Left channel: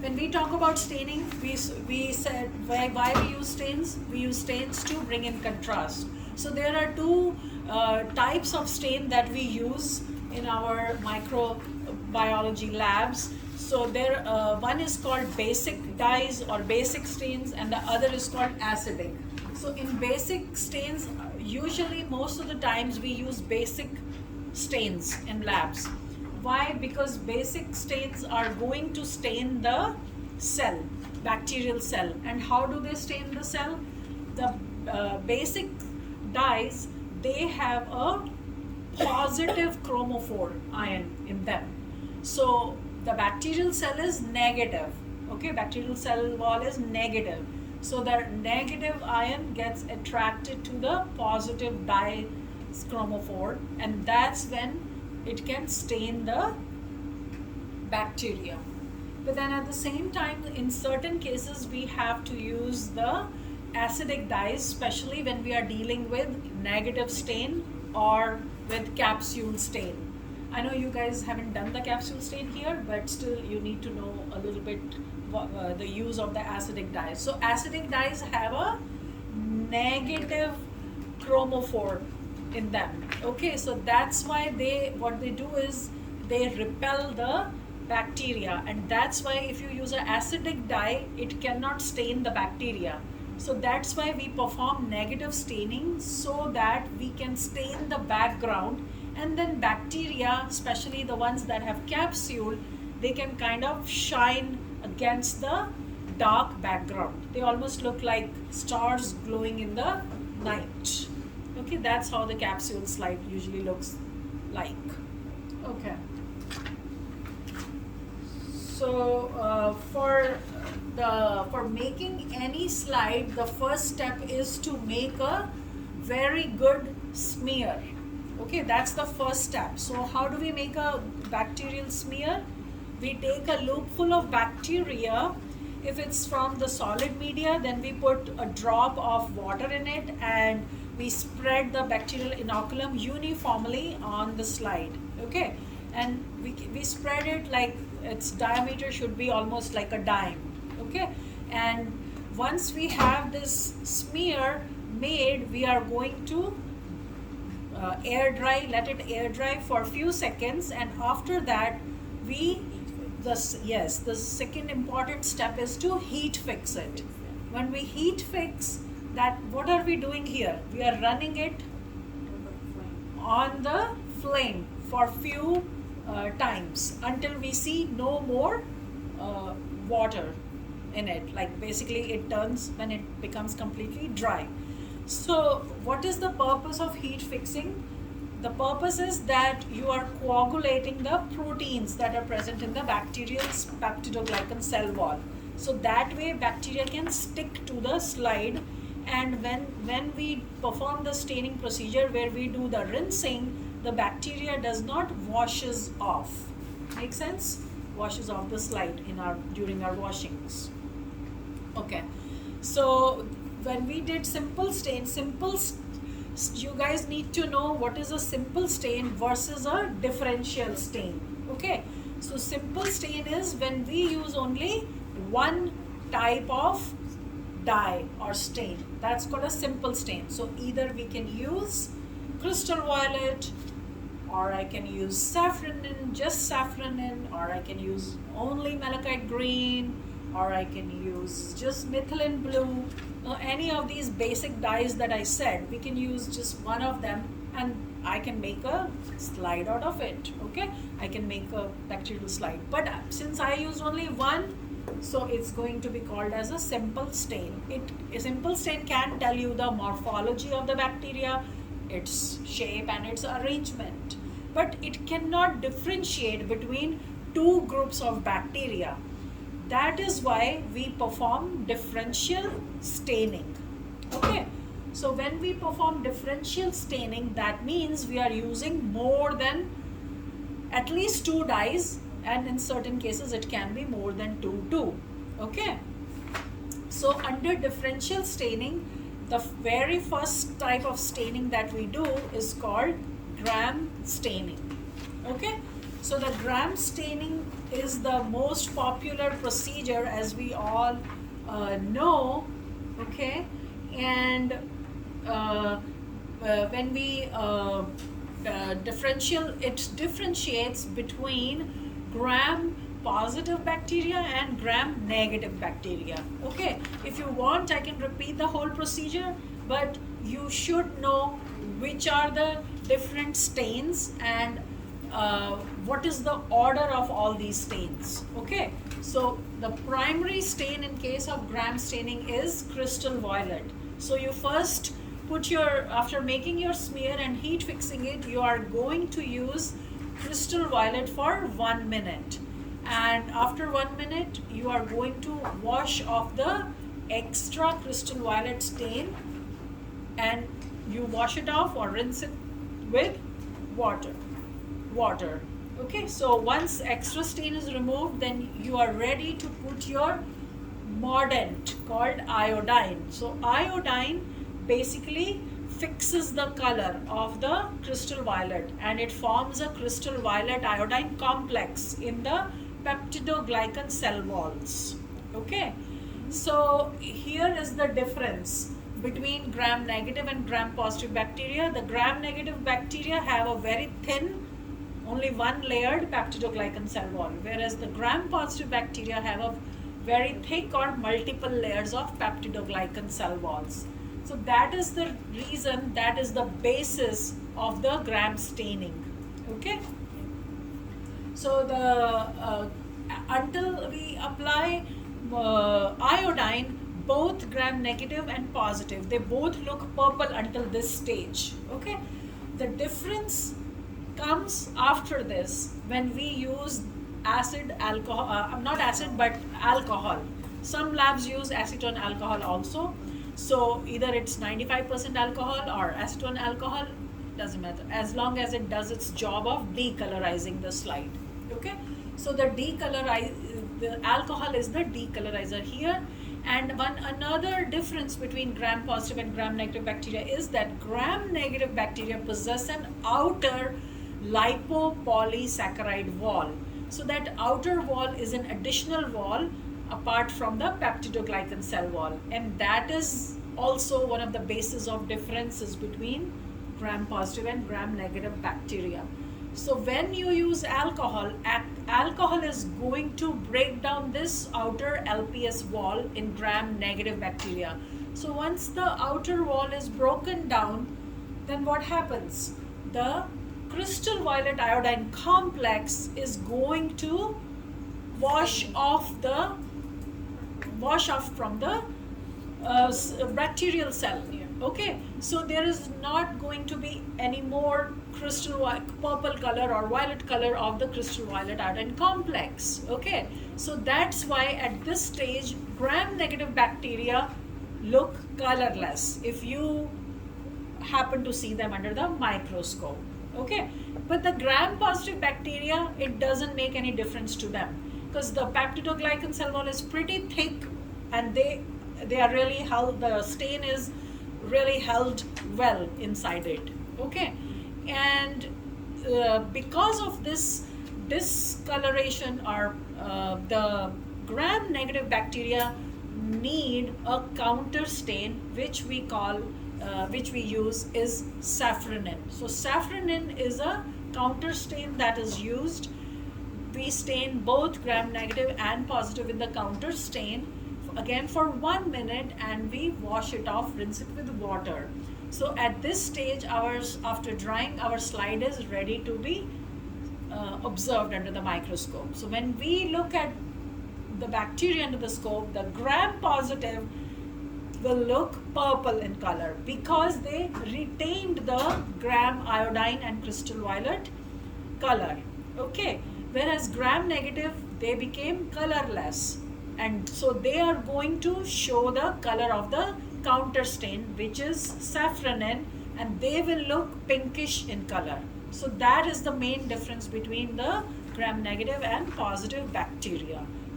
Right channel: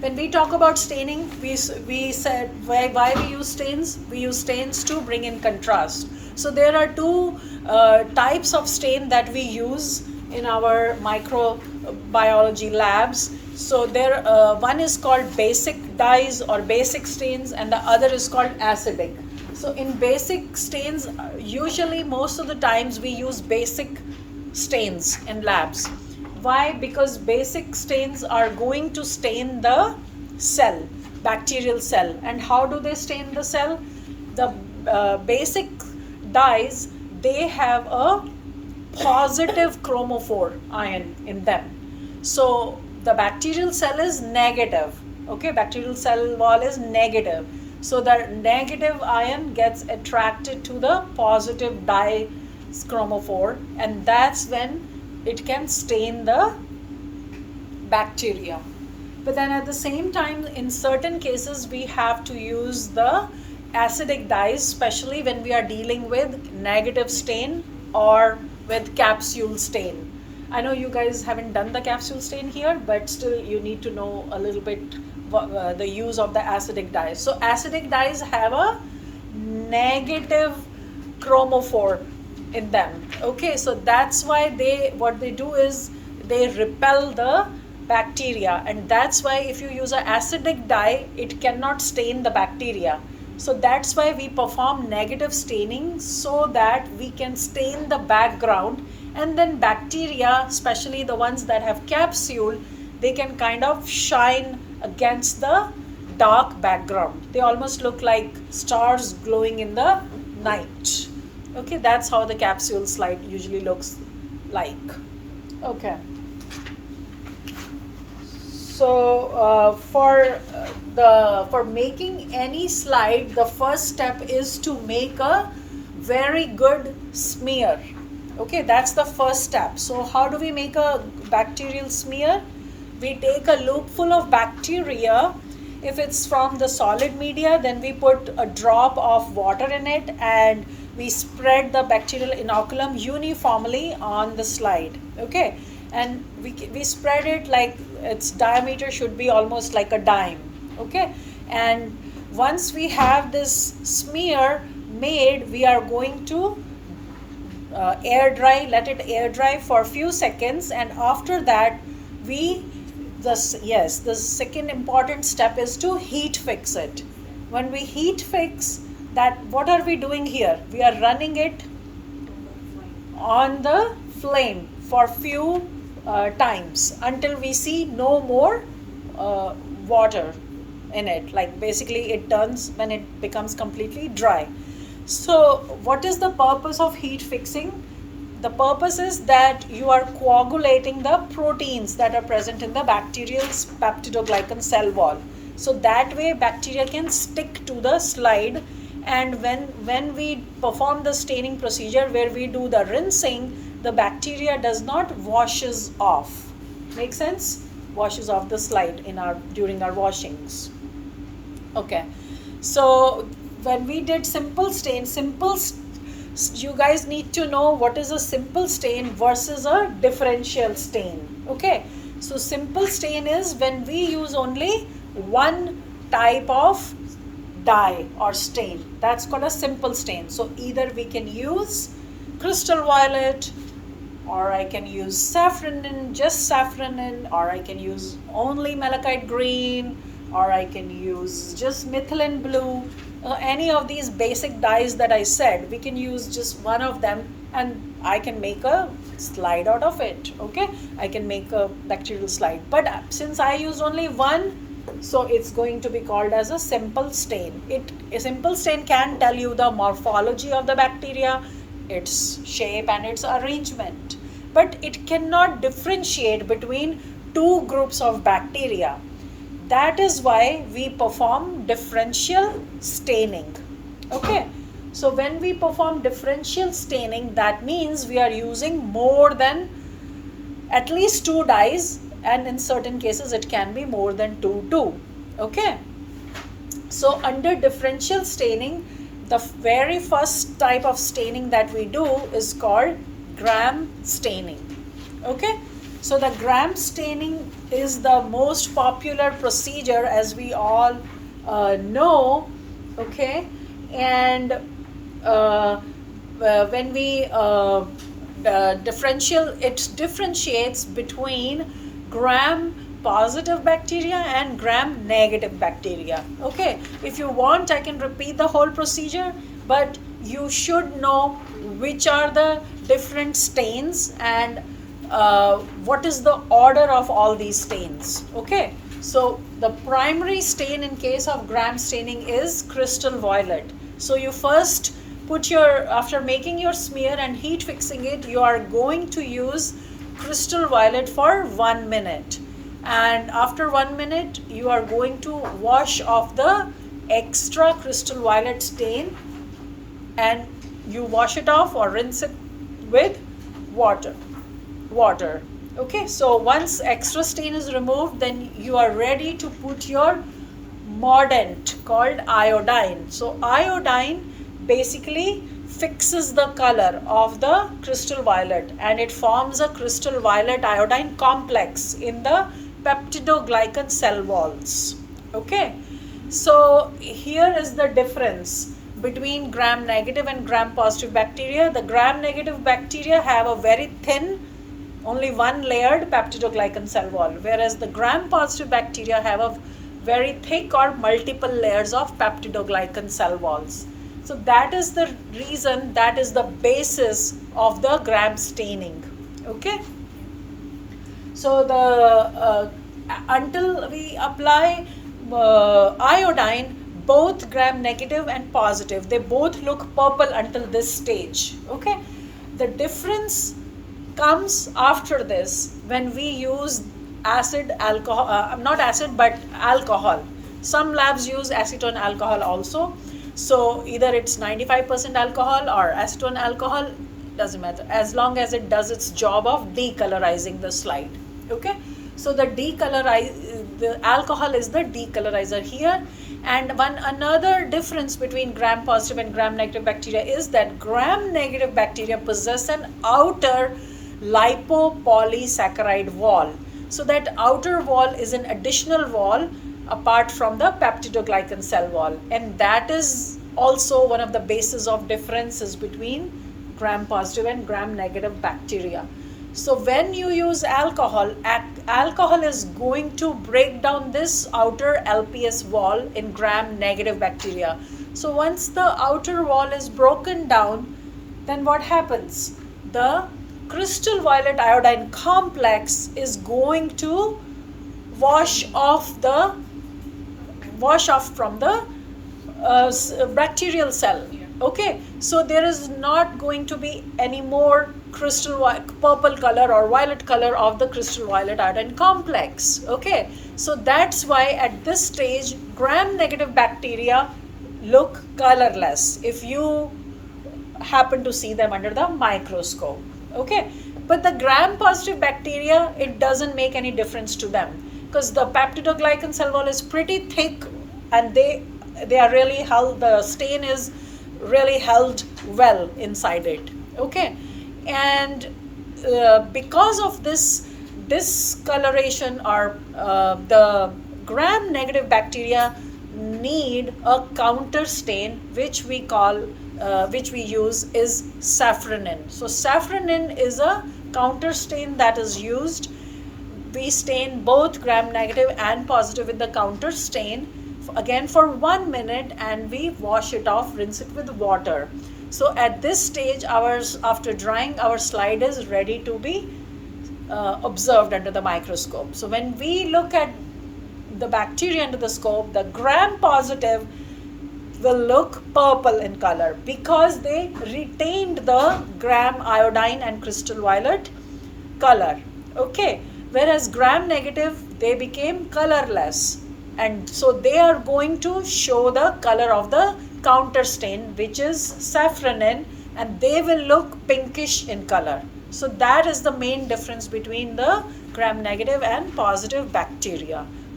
when we talk about staining, we said why we use stains. We use stains to bring in contrast. So there are two types of stain that we use in our microbiology labs. So there, one is called basic dyes or basic stains, and the other is called acidic. So in basic stains, usually most of the times we use basic stains in labs. Why? Because basic stains are going to stain the cell, bacterial cell. And how do they stain the cell? The basic dyes, they have a positive chromophore ion in them. So the bacterial cell is negative. Okay, bacterial cell wall is negative. So the negative ion gets attracted to the positive dye chromophore, and that's when it can stain the bacteria. But then at the same time, in certain cases, we have to use the acidic dyes, especially when we are dealing with negative stain or with capsule stain. I know you guys haven't done the capsule stain here, but still you need to know a little bit the use of the acidic dyes. So acidic dyes have a negative chromophore in them. Okay, so that's why what they do is they repel the bacteria, and that's why if you use an acidic dye, it cannot stain the bacteria. So that's why we perform negative staining, so that we can stain the background, and then bacteria, especially the ones that have capsule, they can kind of shine against the dark background. They almost look like stars glowing in the night. Okay, that's how the capsule slide usually looks like. Okay. So for making any slide, the first step is to make a very good smear. Okay, that's the first step. So how do we make a bacterial smear? We take a loop full of bacteria. If it's from the solid media, then we put a drop of water in it, and we spread the bacterial inoculum uniformly on the slide. Okay, and we spread it like its diameter should be almost like a dime. Okay, and once we have this smear made, we are going to let it air dry for a few seconds, and after that the second important step is to heat fix it. When we heat fix that, what are we doing here? We are running it on the flame for few times until we see no more water in it. Like basically it turns when it becomes completely dry. So what is the purpose of heat fixing? The purpose is that you are coagulating the proteins that are present in the bacterial peptidoglycan cell wall. So that way bacteria can stick to the slide, and when we perform the staining procedure where we do the rinsing, the bacteria does not washes off. Make sense? Washes off the slide during our washings. Okay. So when we did simple stain, you guys need to know what is a simple stain versus a differential stain. Okay, so simple stain is when we use only one type of dye or stain. That's called a simple stain. So either we can use crystal violet, or I can use saffronin, just saffronin, or I can use only malachite green, or I can use just methylene blue. Any of these basic dyes that I said, we can use just one of them, and I can make a slide out of it. Okay, I can make a bacterial slide, but since I used only one, so it's going to be called as a simple stain. A simple stain can tell you the morphology of the bacteria, its shape and its arrangement, but it cannot differentiate between two groups of bacteria. That is why we perform differential staining. Okay, so when we perform differential staining, that means we are using more than at least two dyes, and in certain cases it can be more than two too. Okay, so under differential staining, the very first type of staining that we do is called gram staining. Okay, so the gram staining is the most popular procedure, as we all know. Okay, and when we it differentiates between gram positive bacteria and gram negative bacteria. Okay, if you want, I can repeat the whole procedure, but you should know which are the different stains and what is the order of all these stains. Okay, so the primary stain in case of gram staining is crystal violet. So you first put your, after making your smear and heat fixing it, you are going to use crystal violet for 1 minute, and after 1 minute you are going to wash off the extra crystal violet stain, and you wash it off or rinse it with water. Okay, so once extra stain is removed, then you are ready to put your mordant called iodine. So iodine basically fixes the color of the crystal violet, and it forms a crystal violet iodine complex in the peptidoglycan cell walls. Okay, so here is the difference between gram negative and gram positive bacteria. The gram negative bacteria have a very thin, only one layered peptidoglycan cell wall, whereas the gram positive bacteria have a very thick or multiple layers of peptidoglycan cell walls. So that is the reason, that is the basis of the gram staining. Okay, so the until we apply iodine, both gram negative and positive, they both look purple until this stage. Okay, the difference comes after this when we use acid alcohol, not acid but alcohol. Some labs use acetone alcohol also. So either it's 95% alcohol or acetone alcohol, doesn't matter, as long as it does its job of decolorizing the slide. Okay, so the alcohol is the decolorizer here. And another difference between gram positive and gram negative bacteria is that gram negative bacteria possess an outer lipopolysaccharide wall. So that outer wall is an additional wall apart from the peptidoglycan cell wall, and that is also one of the bases of differences between gram positive and gram negative bacteria. So when you use alcohol, alcohol is going to break down this outer LPS wall in gram negative bacteria. So once the outer wall is broken down, then what happens? The crystal violet iodine complex is going to wash off from the bacterial cell. Okay, so there is not going to be any more purple color or violet color of the crystal violet iodine complex. Okay, so that's why at this stage gram negative bacteria look colorless if you happen to see them under the microscope. Okay, but the gram positive bacteria, it doesn't make any difference to them because the peptidoglycan cell wall is pretty thick, and they are really held, the stain is really held well inside it. Okay, and because of this discoloration, or the gram negative bacteria need a counter stain, which we use is safranin. So safranin is a counter stain that is used. We stain both gram negative and positive with the counter stain again for 1 minute, and we wash it off, rinse it with water. So at this stage, after drying, our slide is ready to be observed under the microscope. So when we look at the bacteria under the scope, the gram positive will look purple in color because they retained the gram iodine and crystal violet color. Okay, whereas gram negative, they became colorless, and so they are going to show the color of the counter stain, which is safranin, and they will look pinkish in color. So that is the main difference between the gram negative and positive bacteria.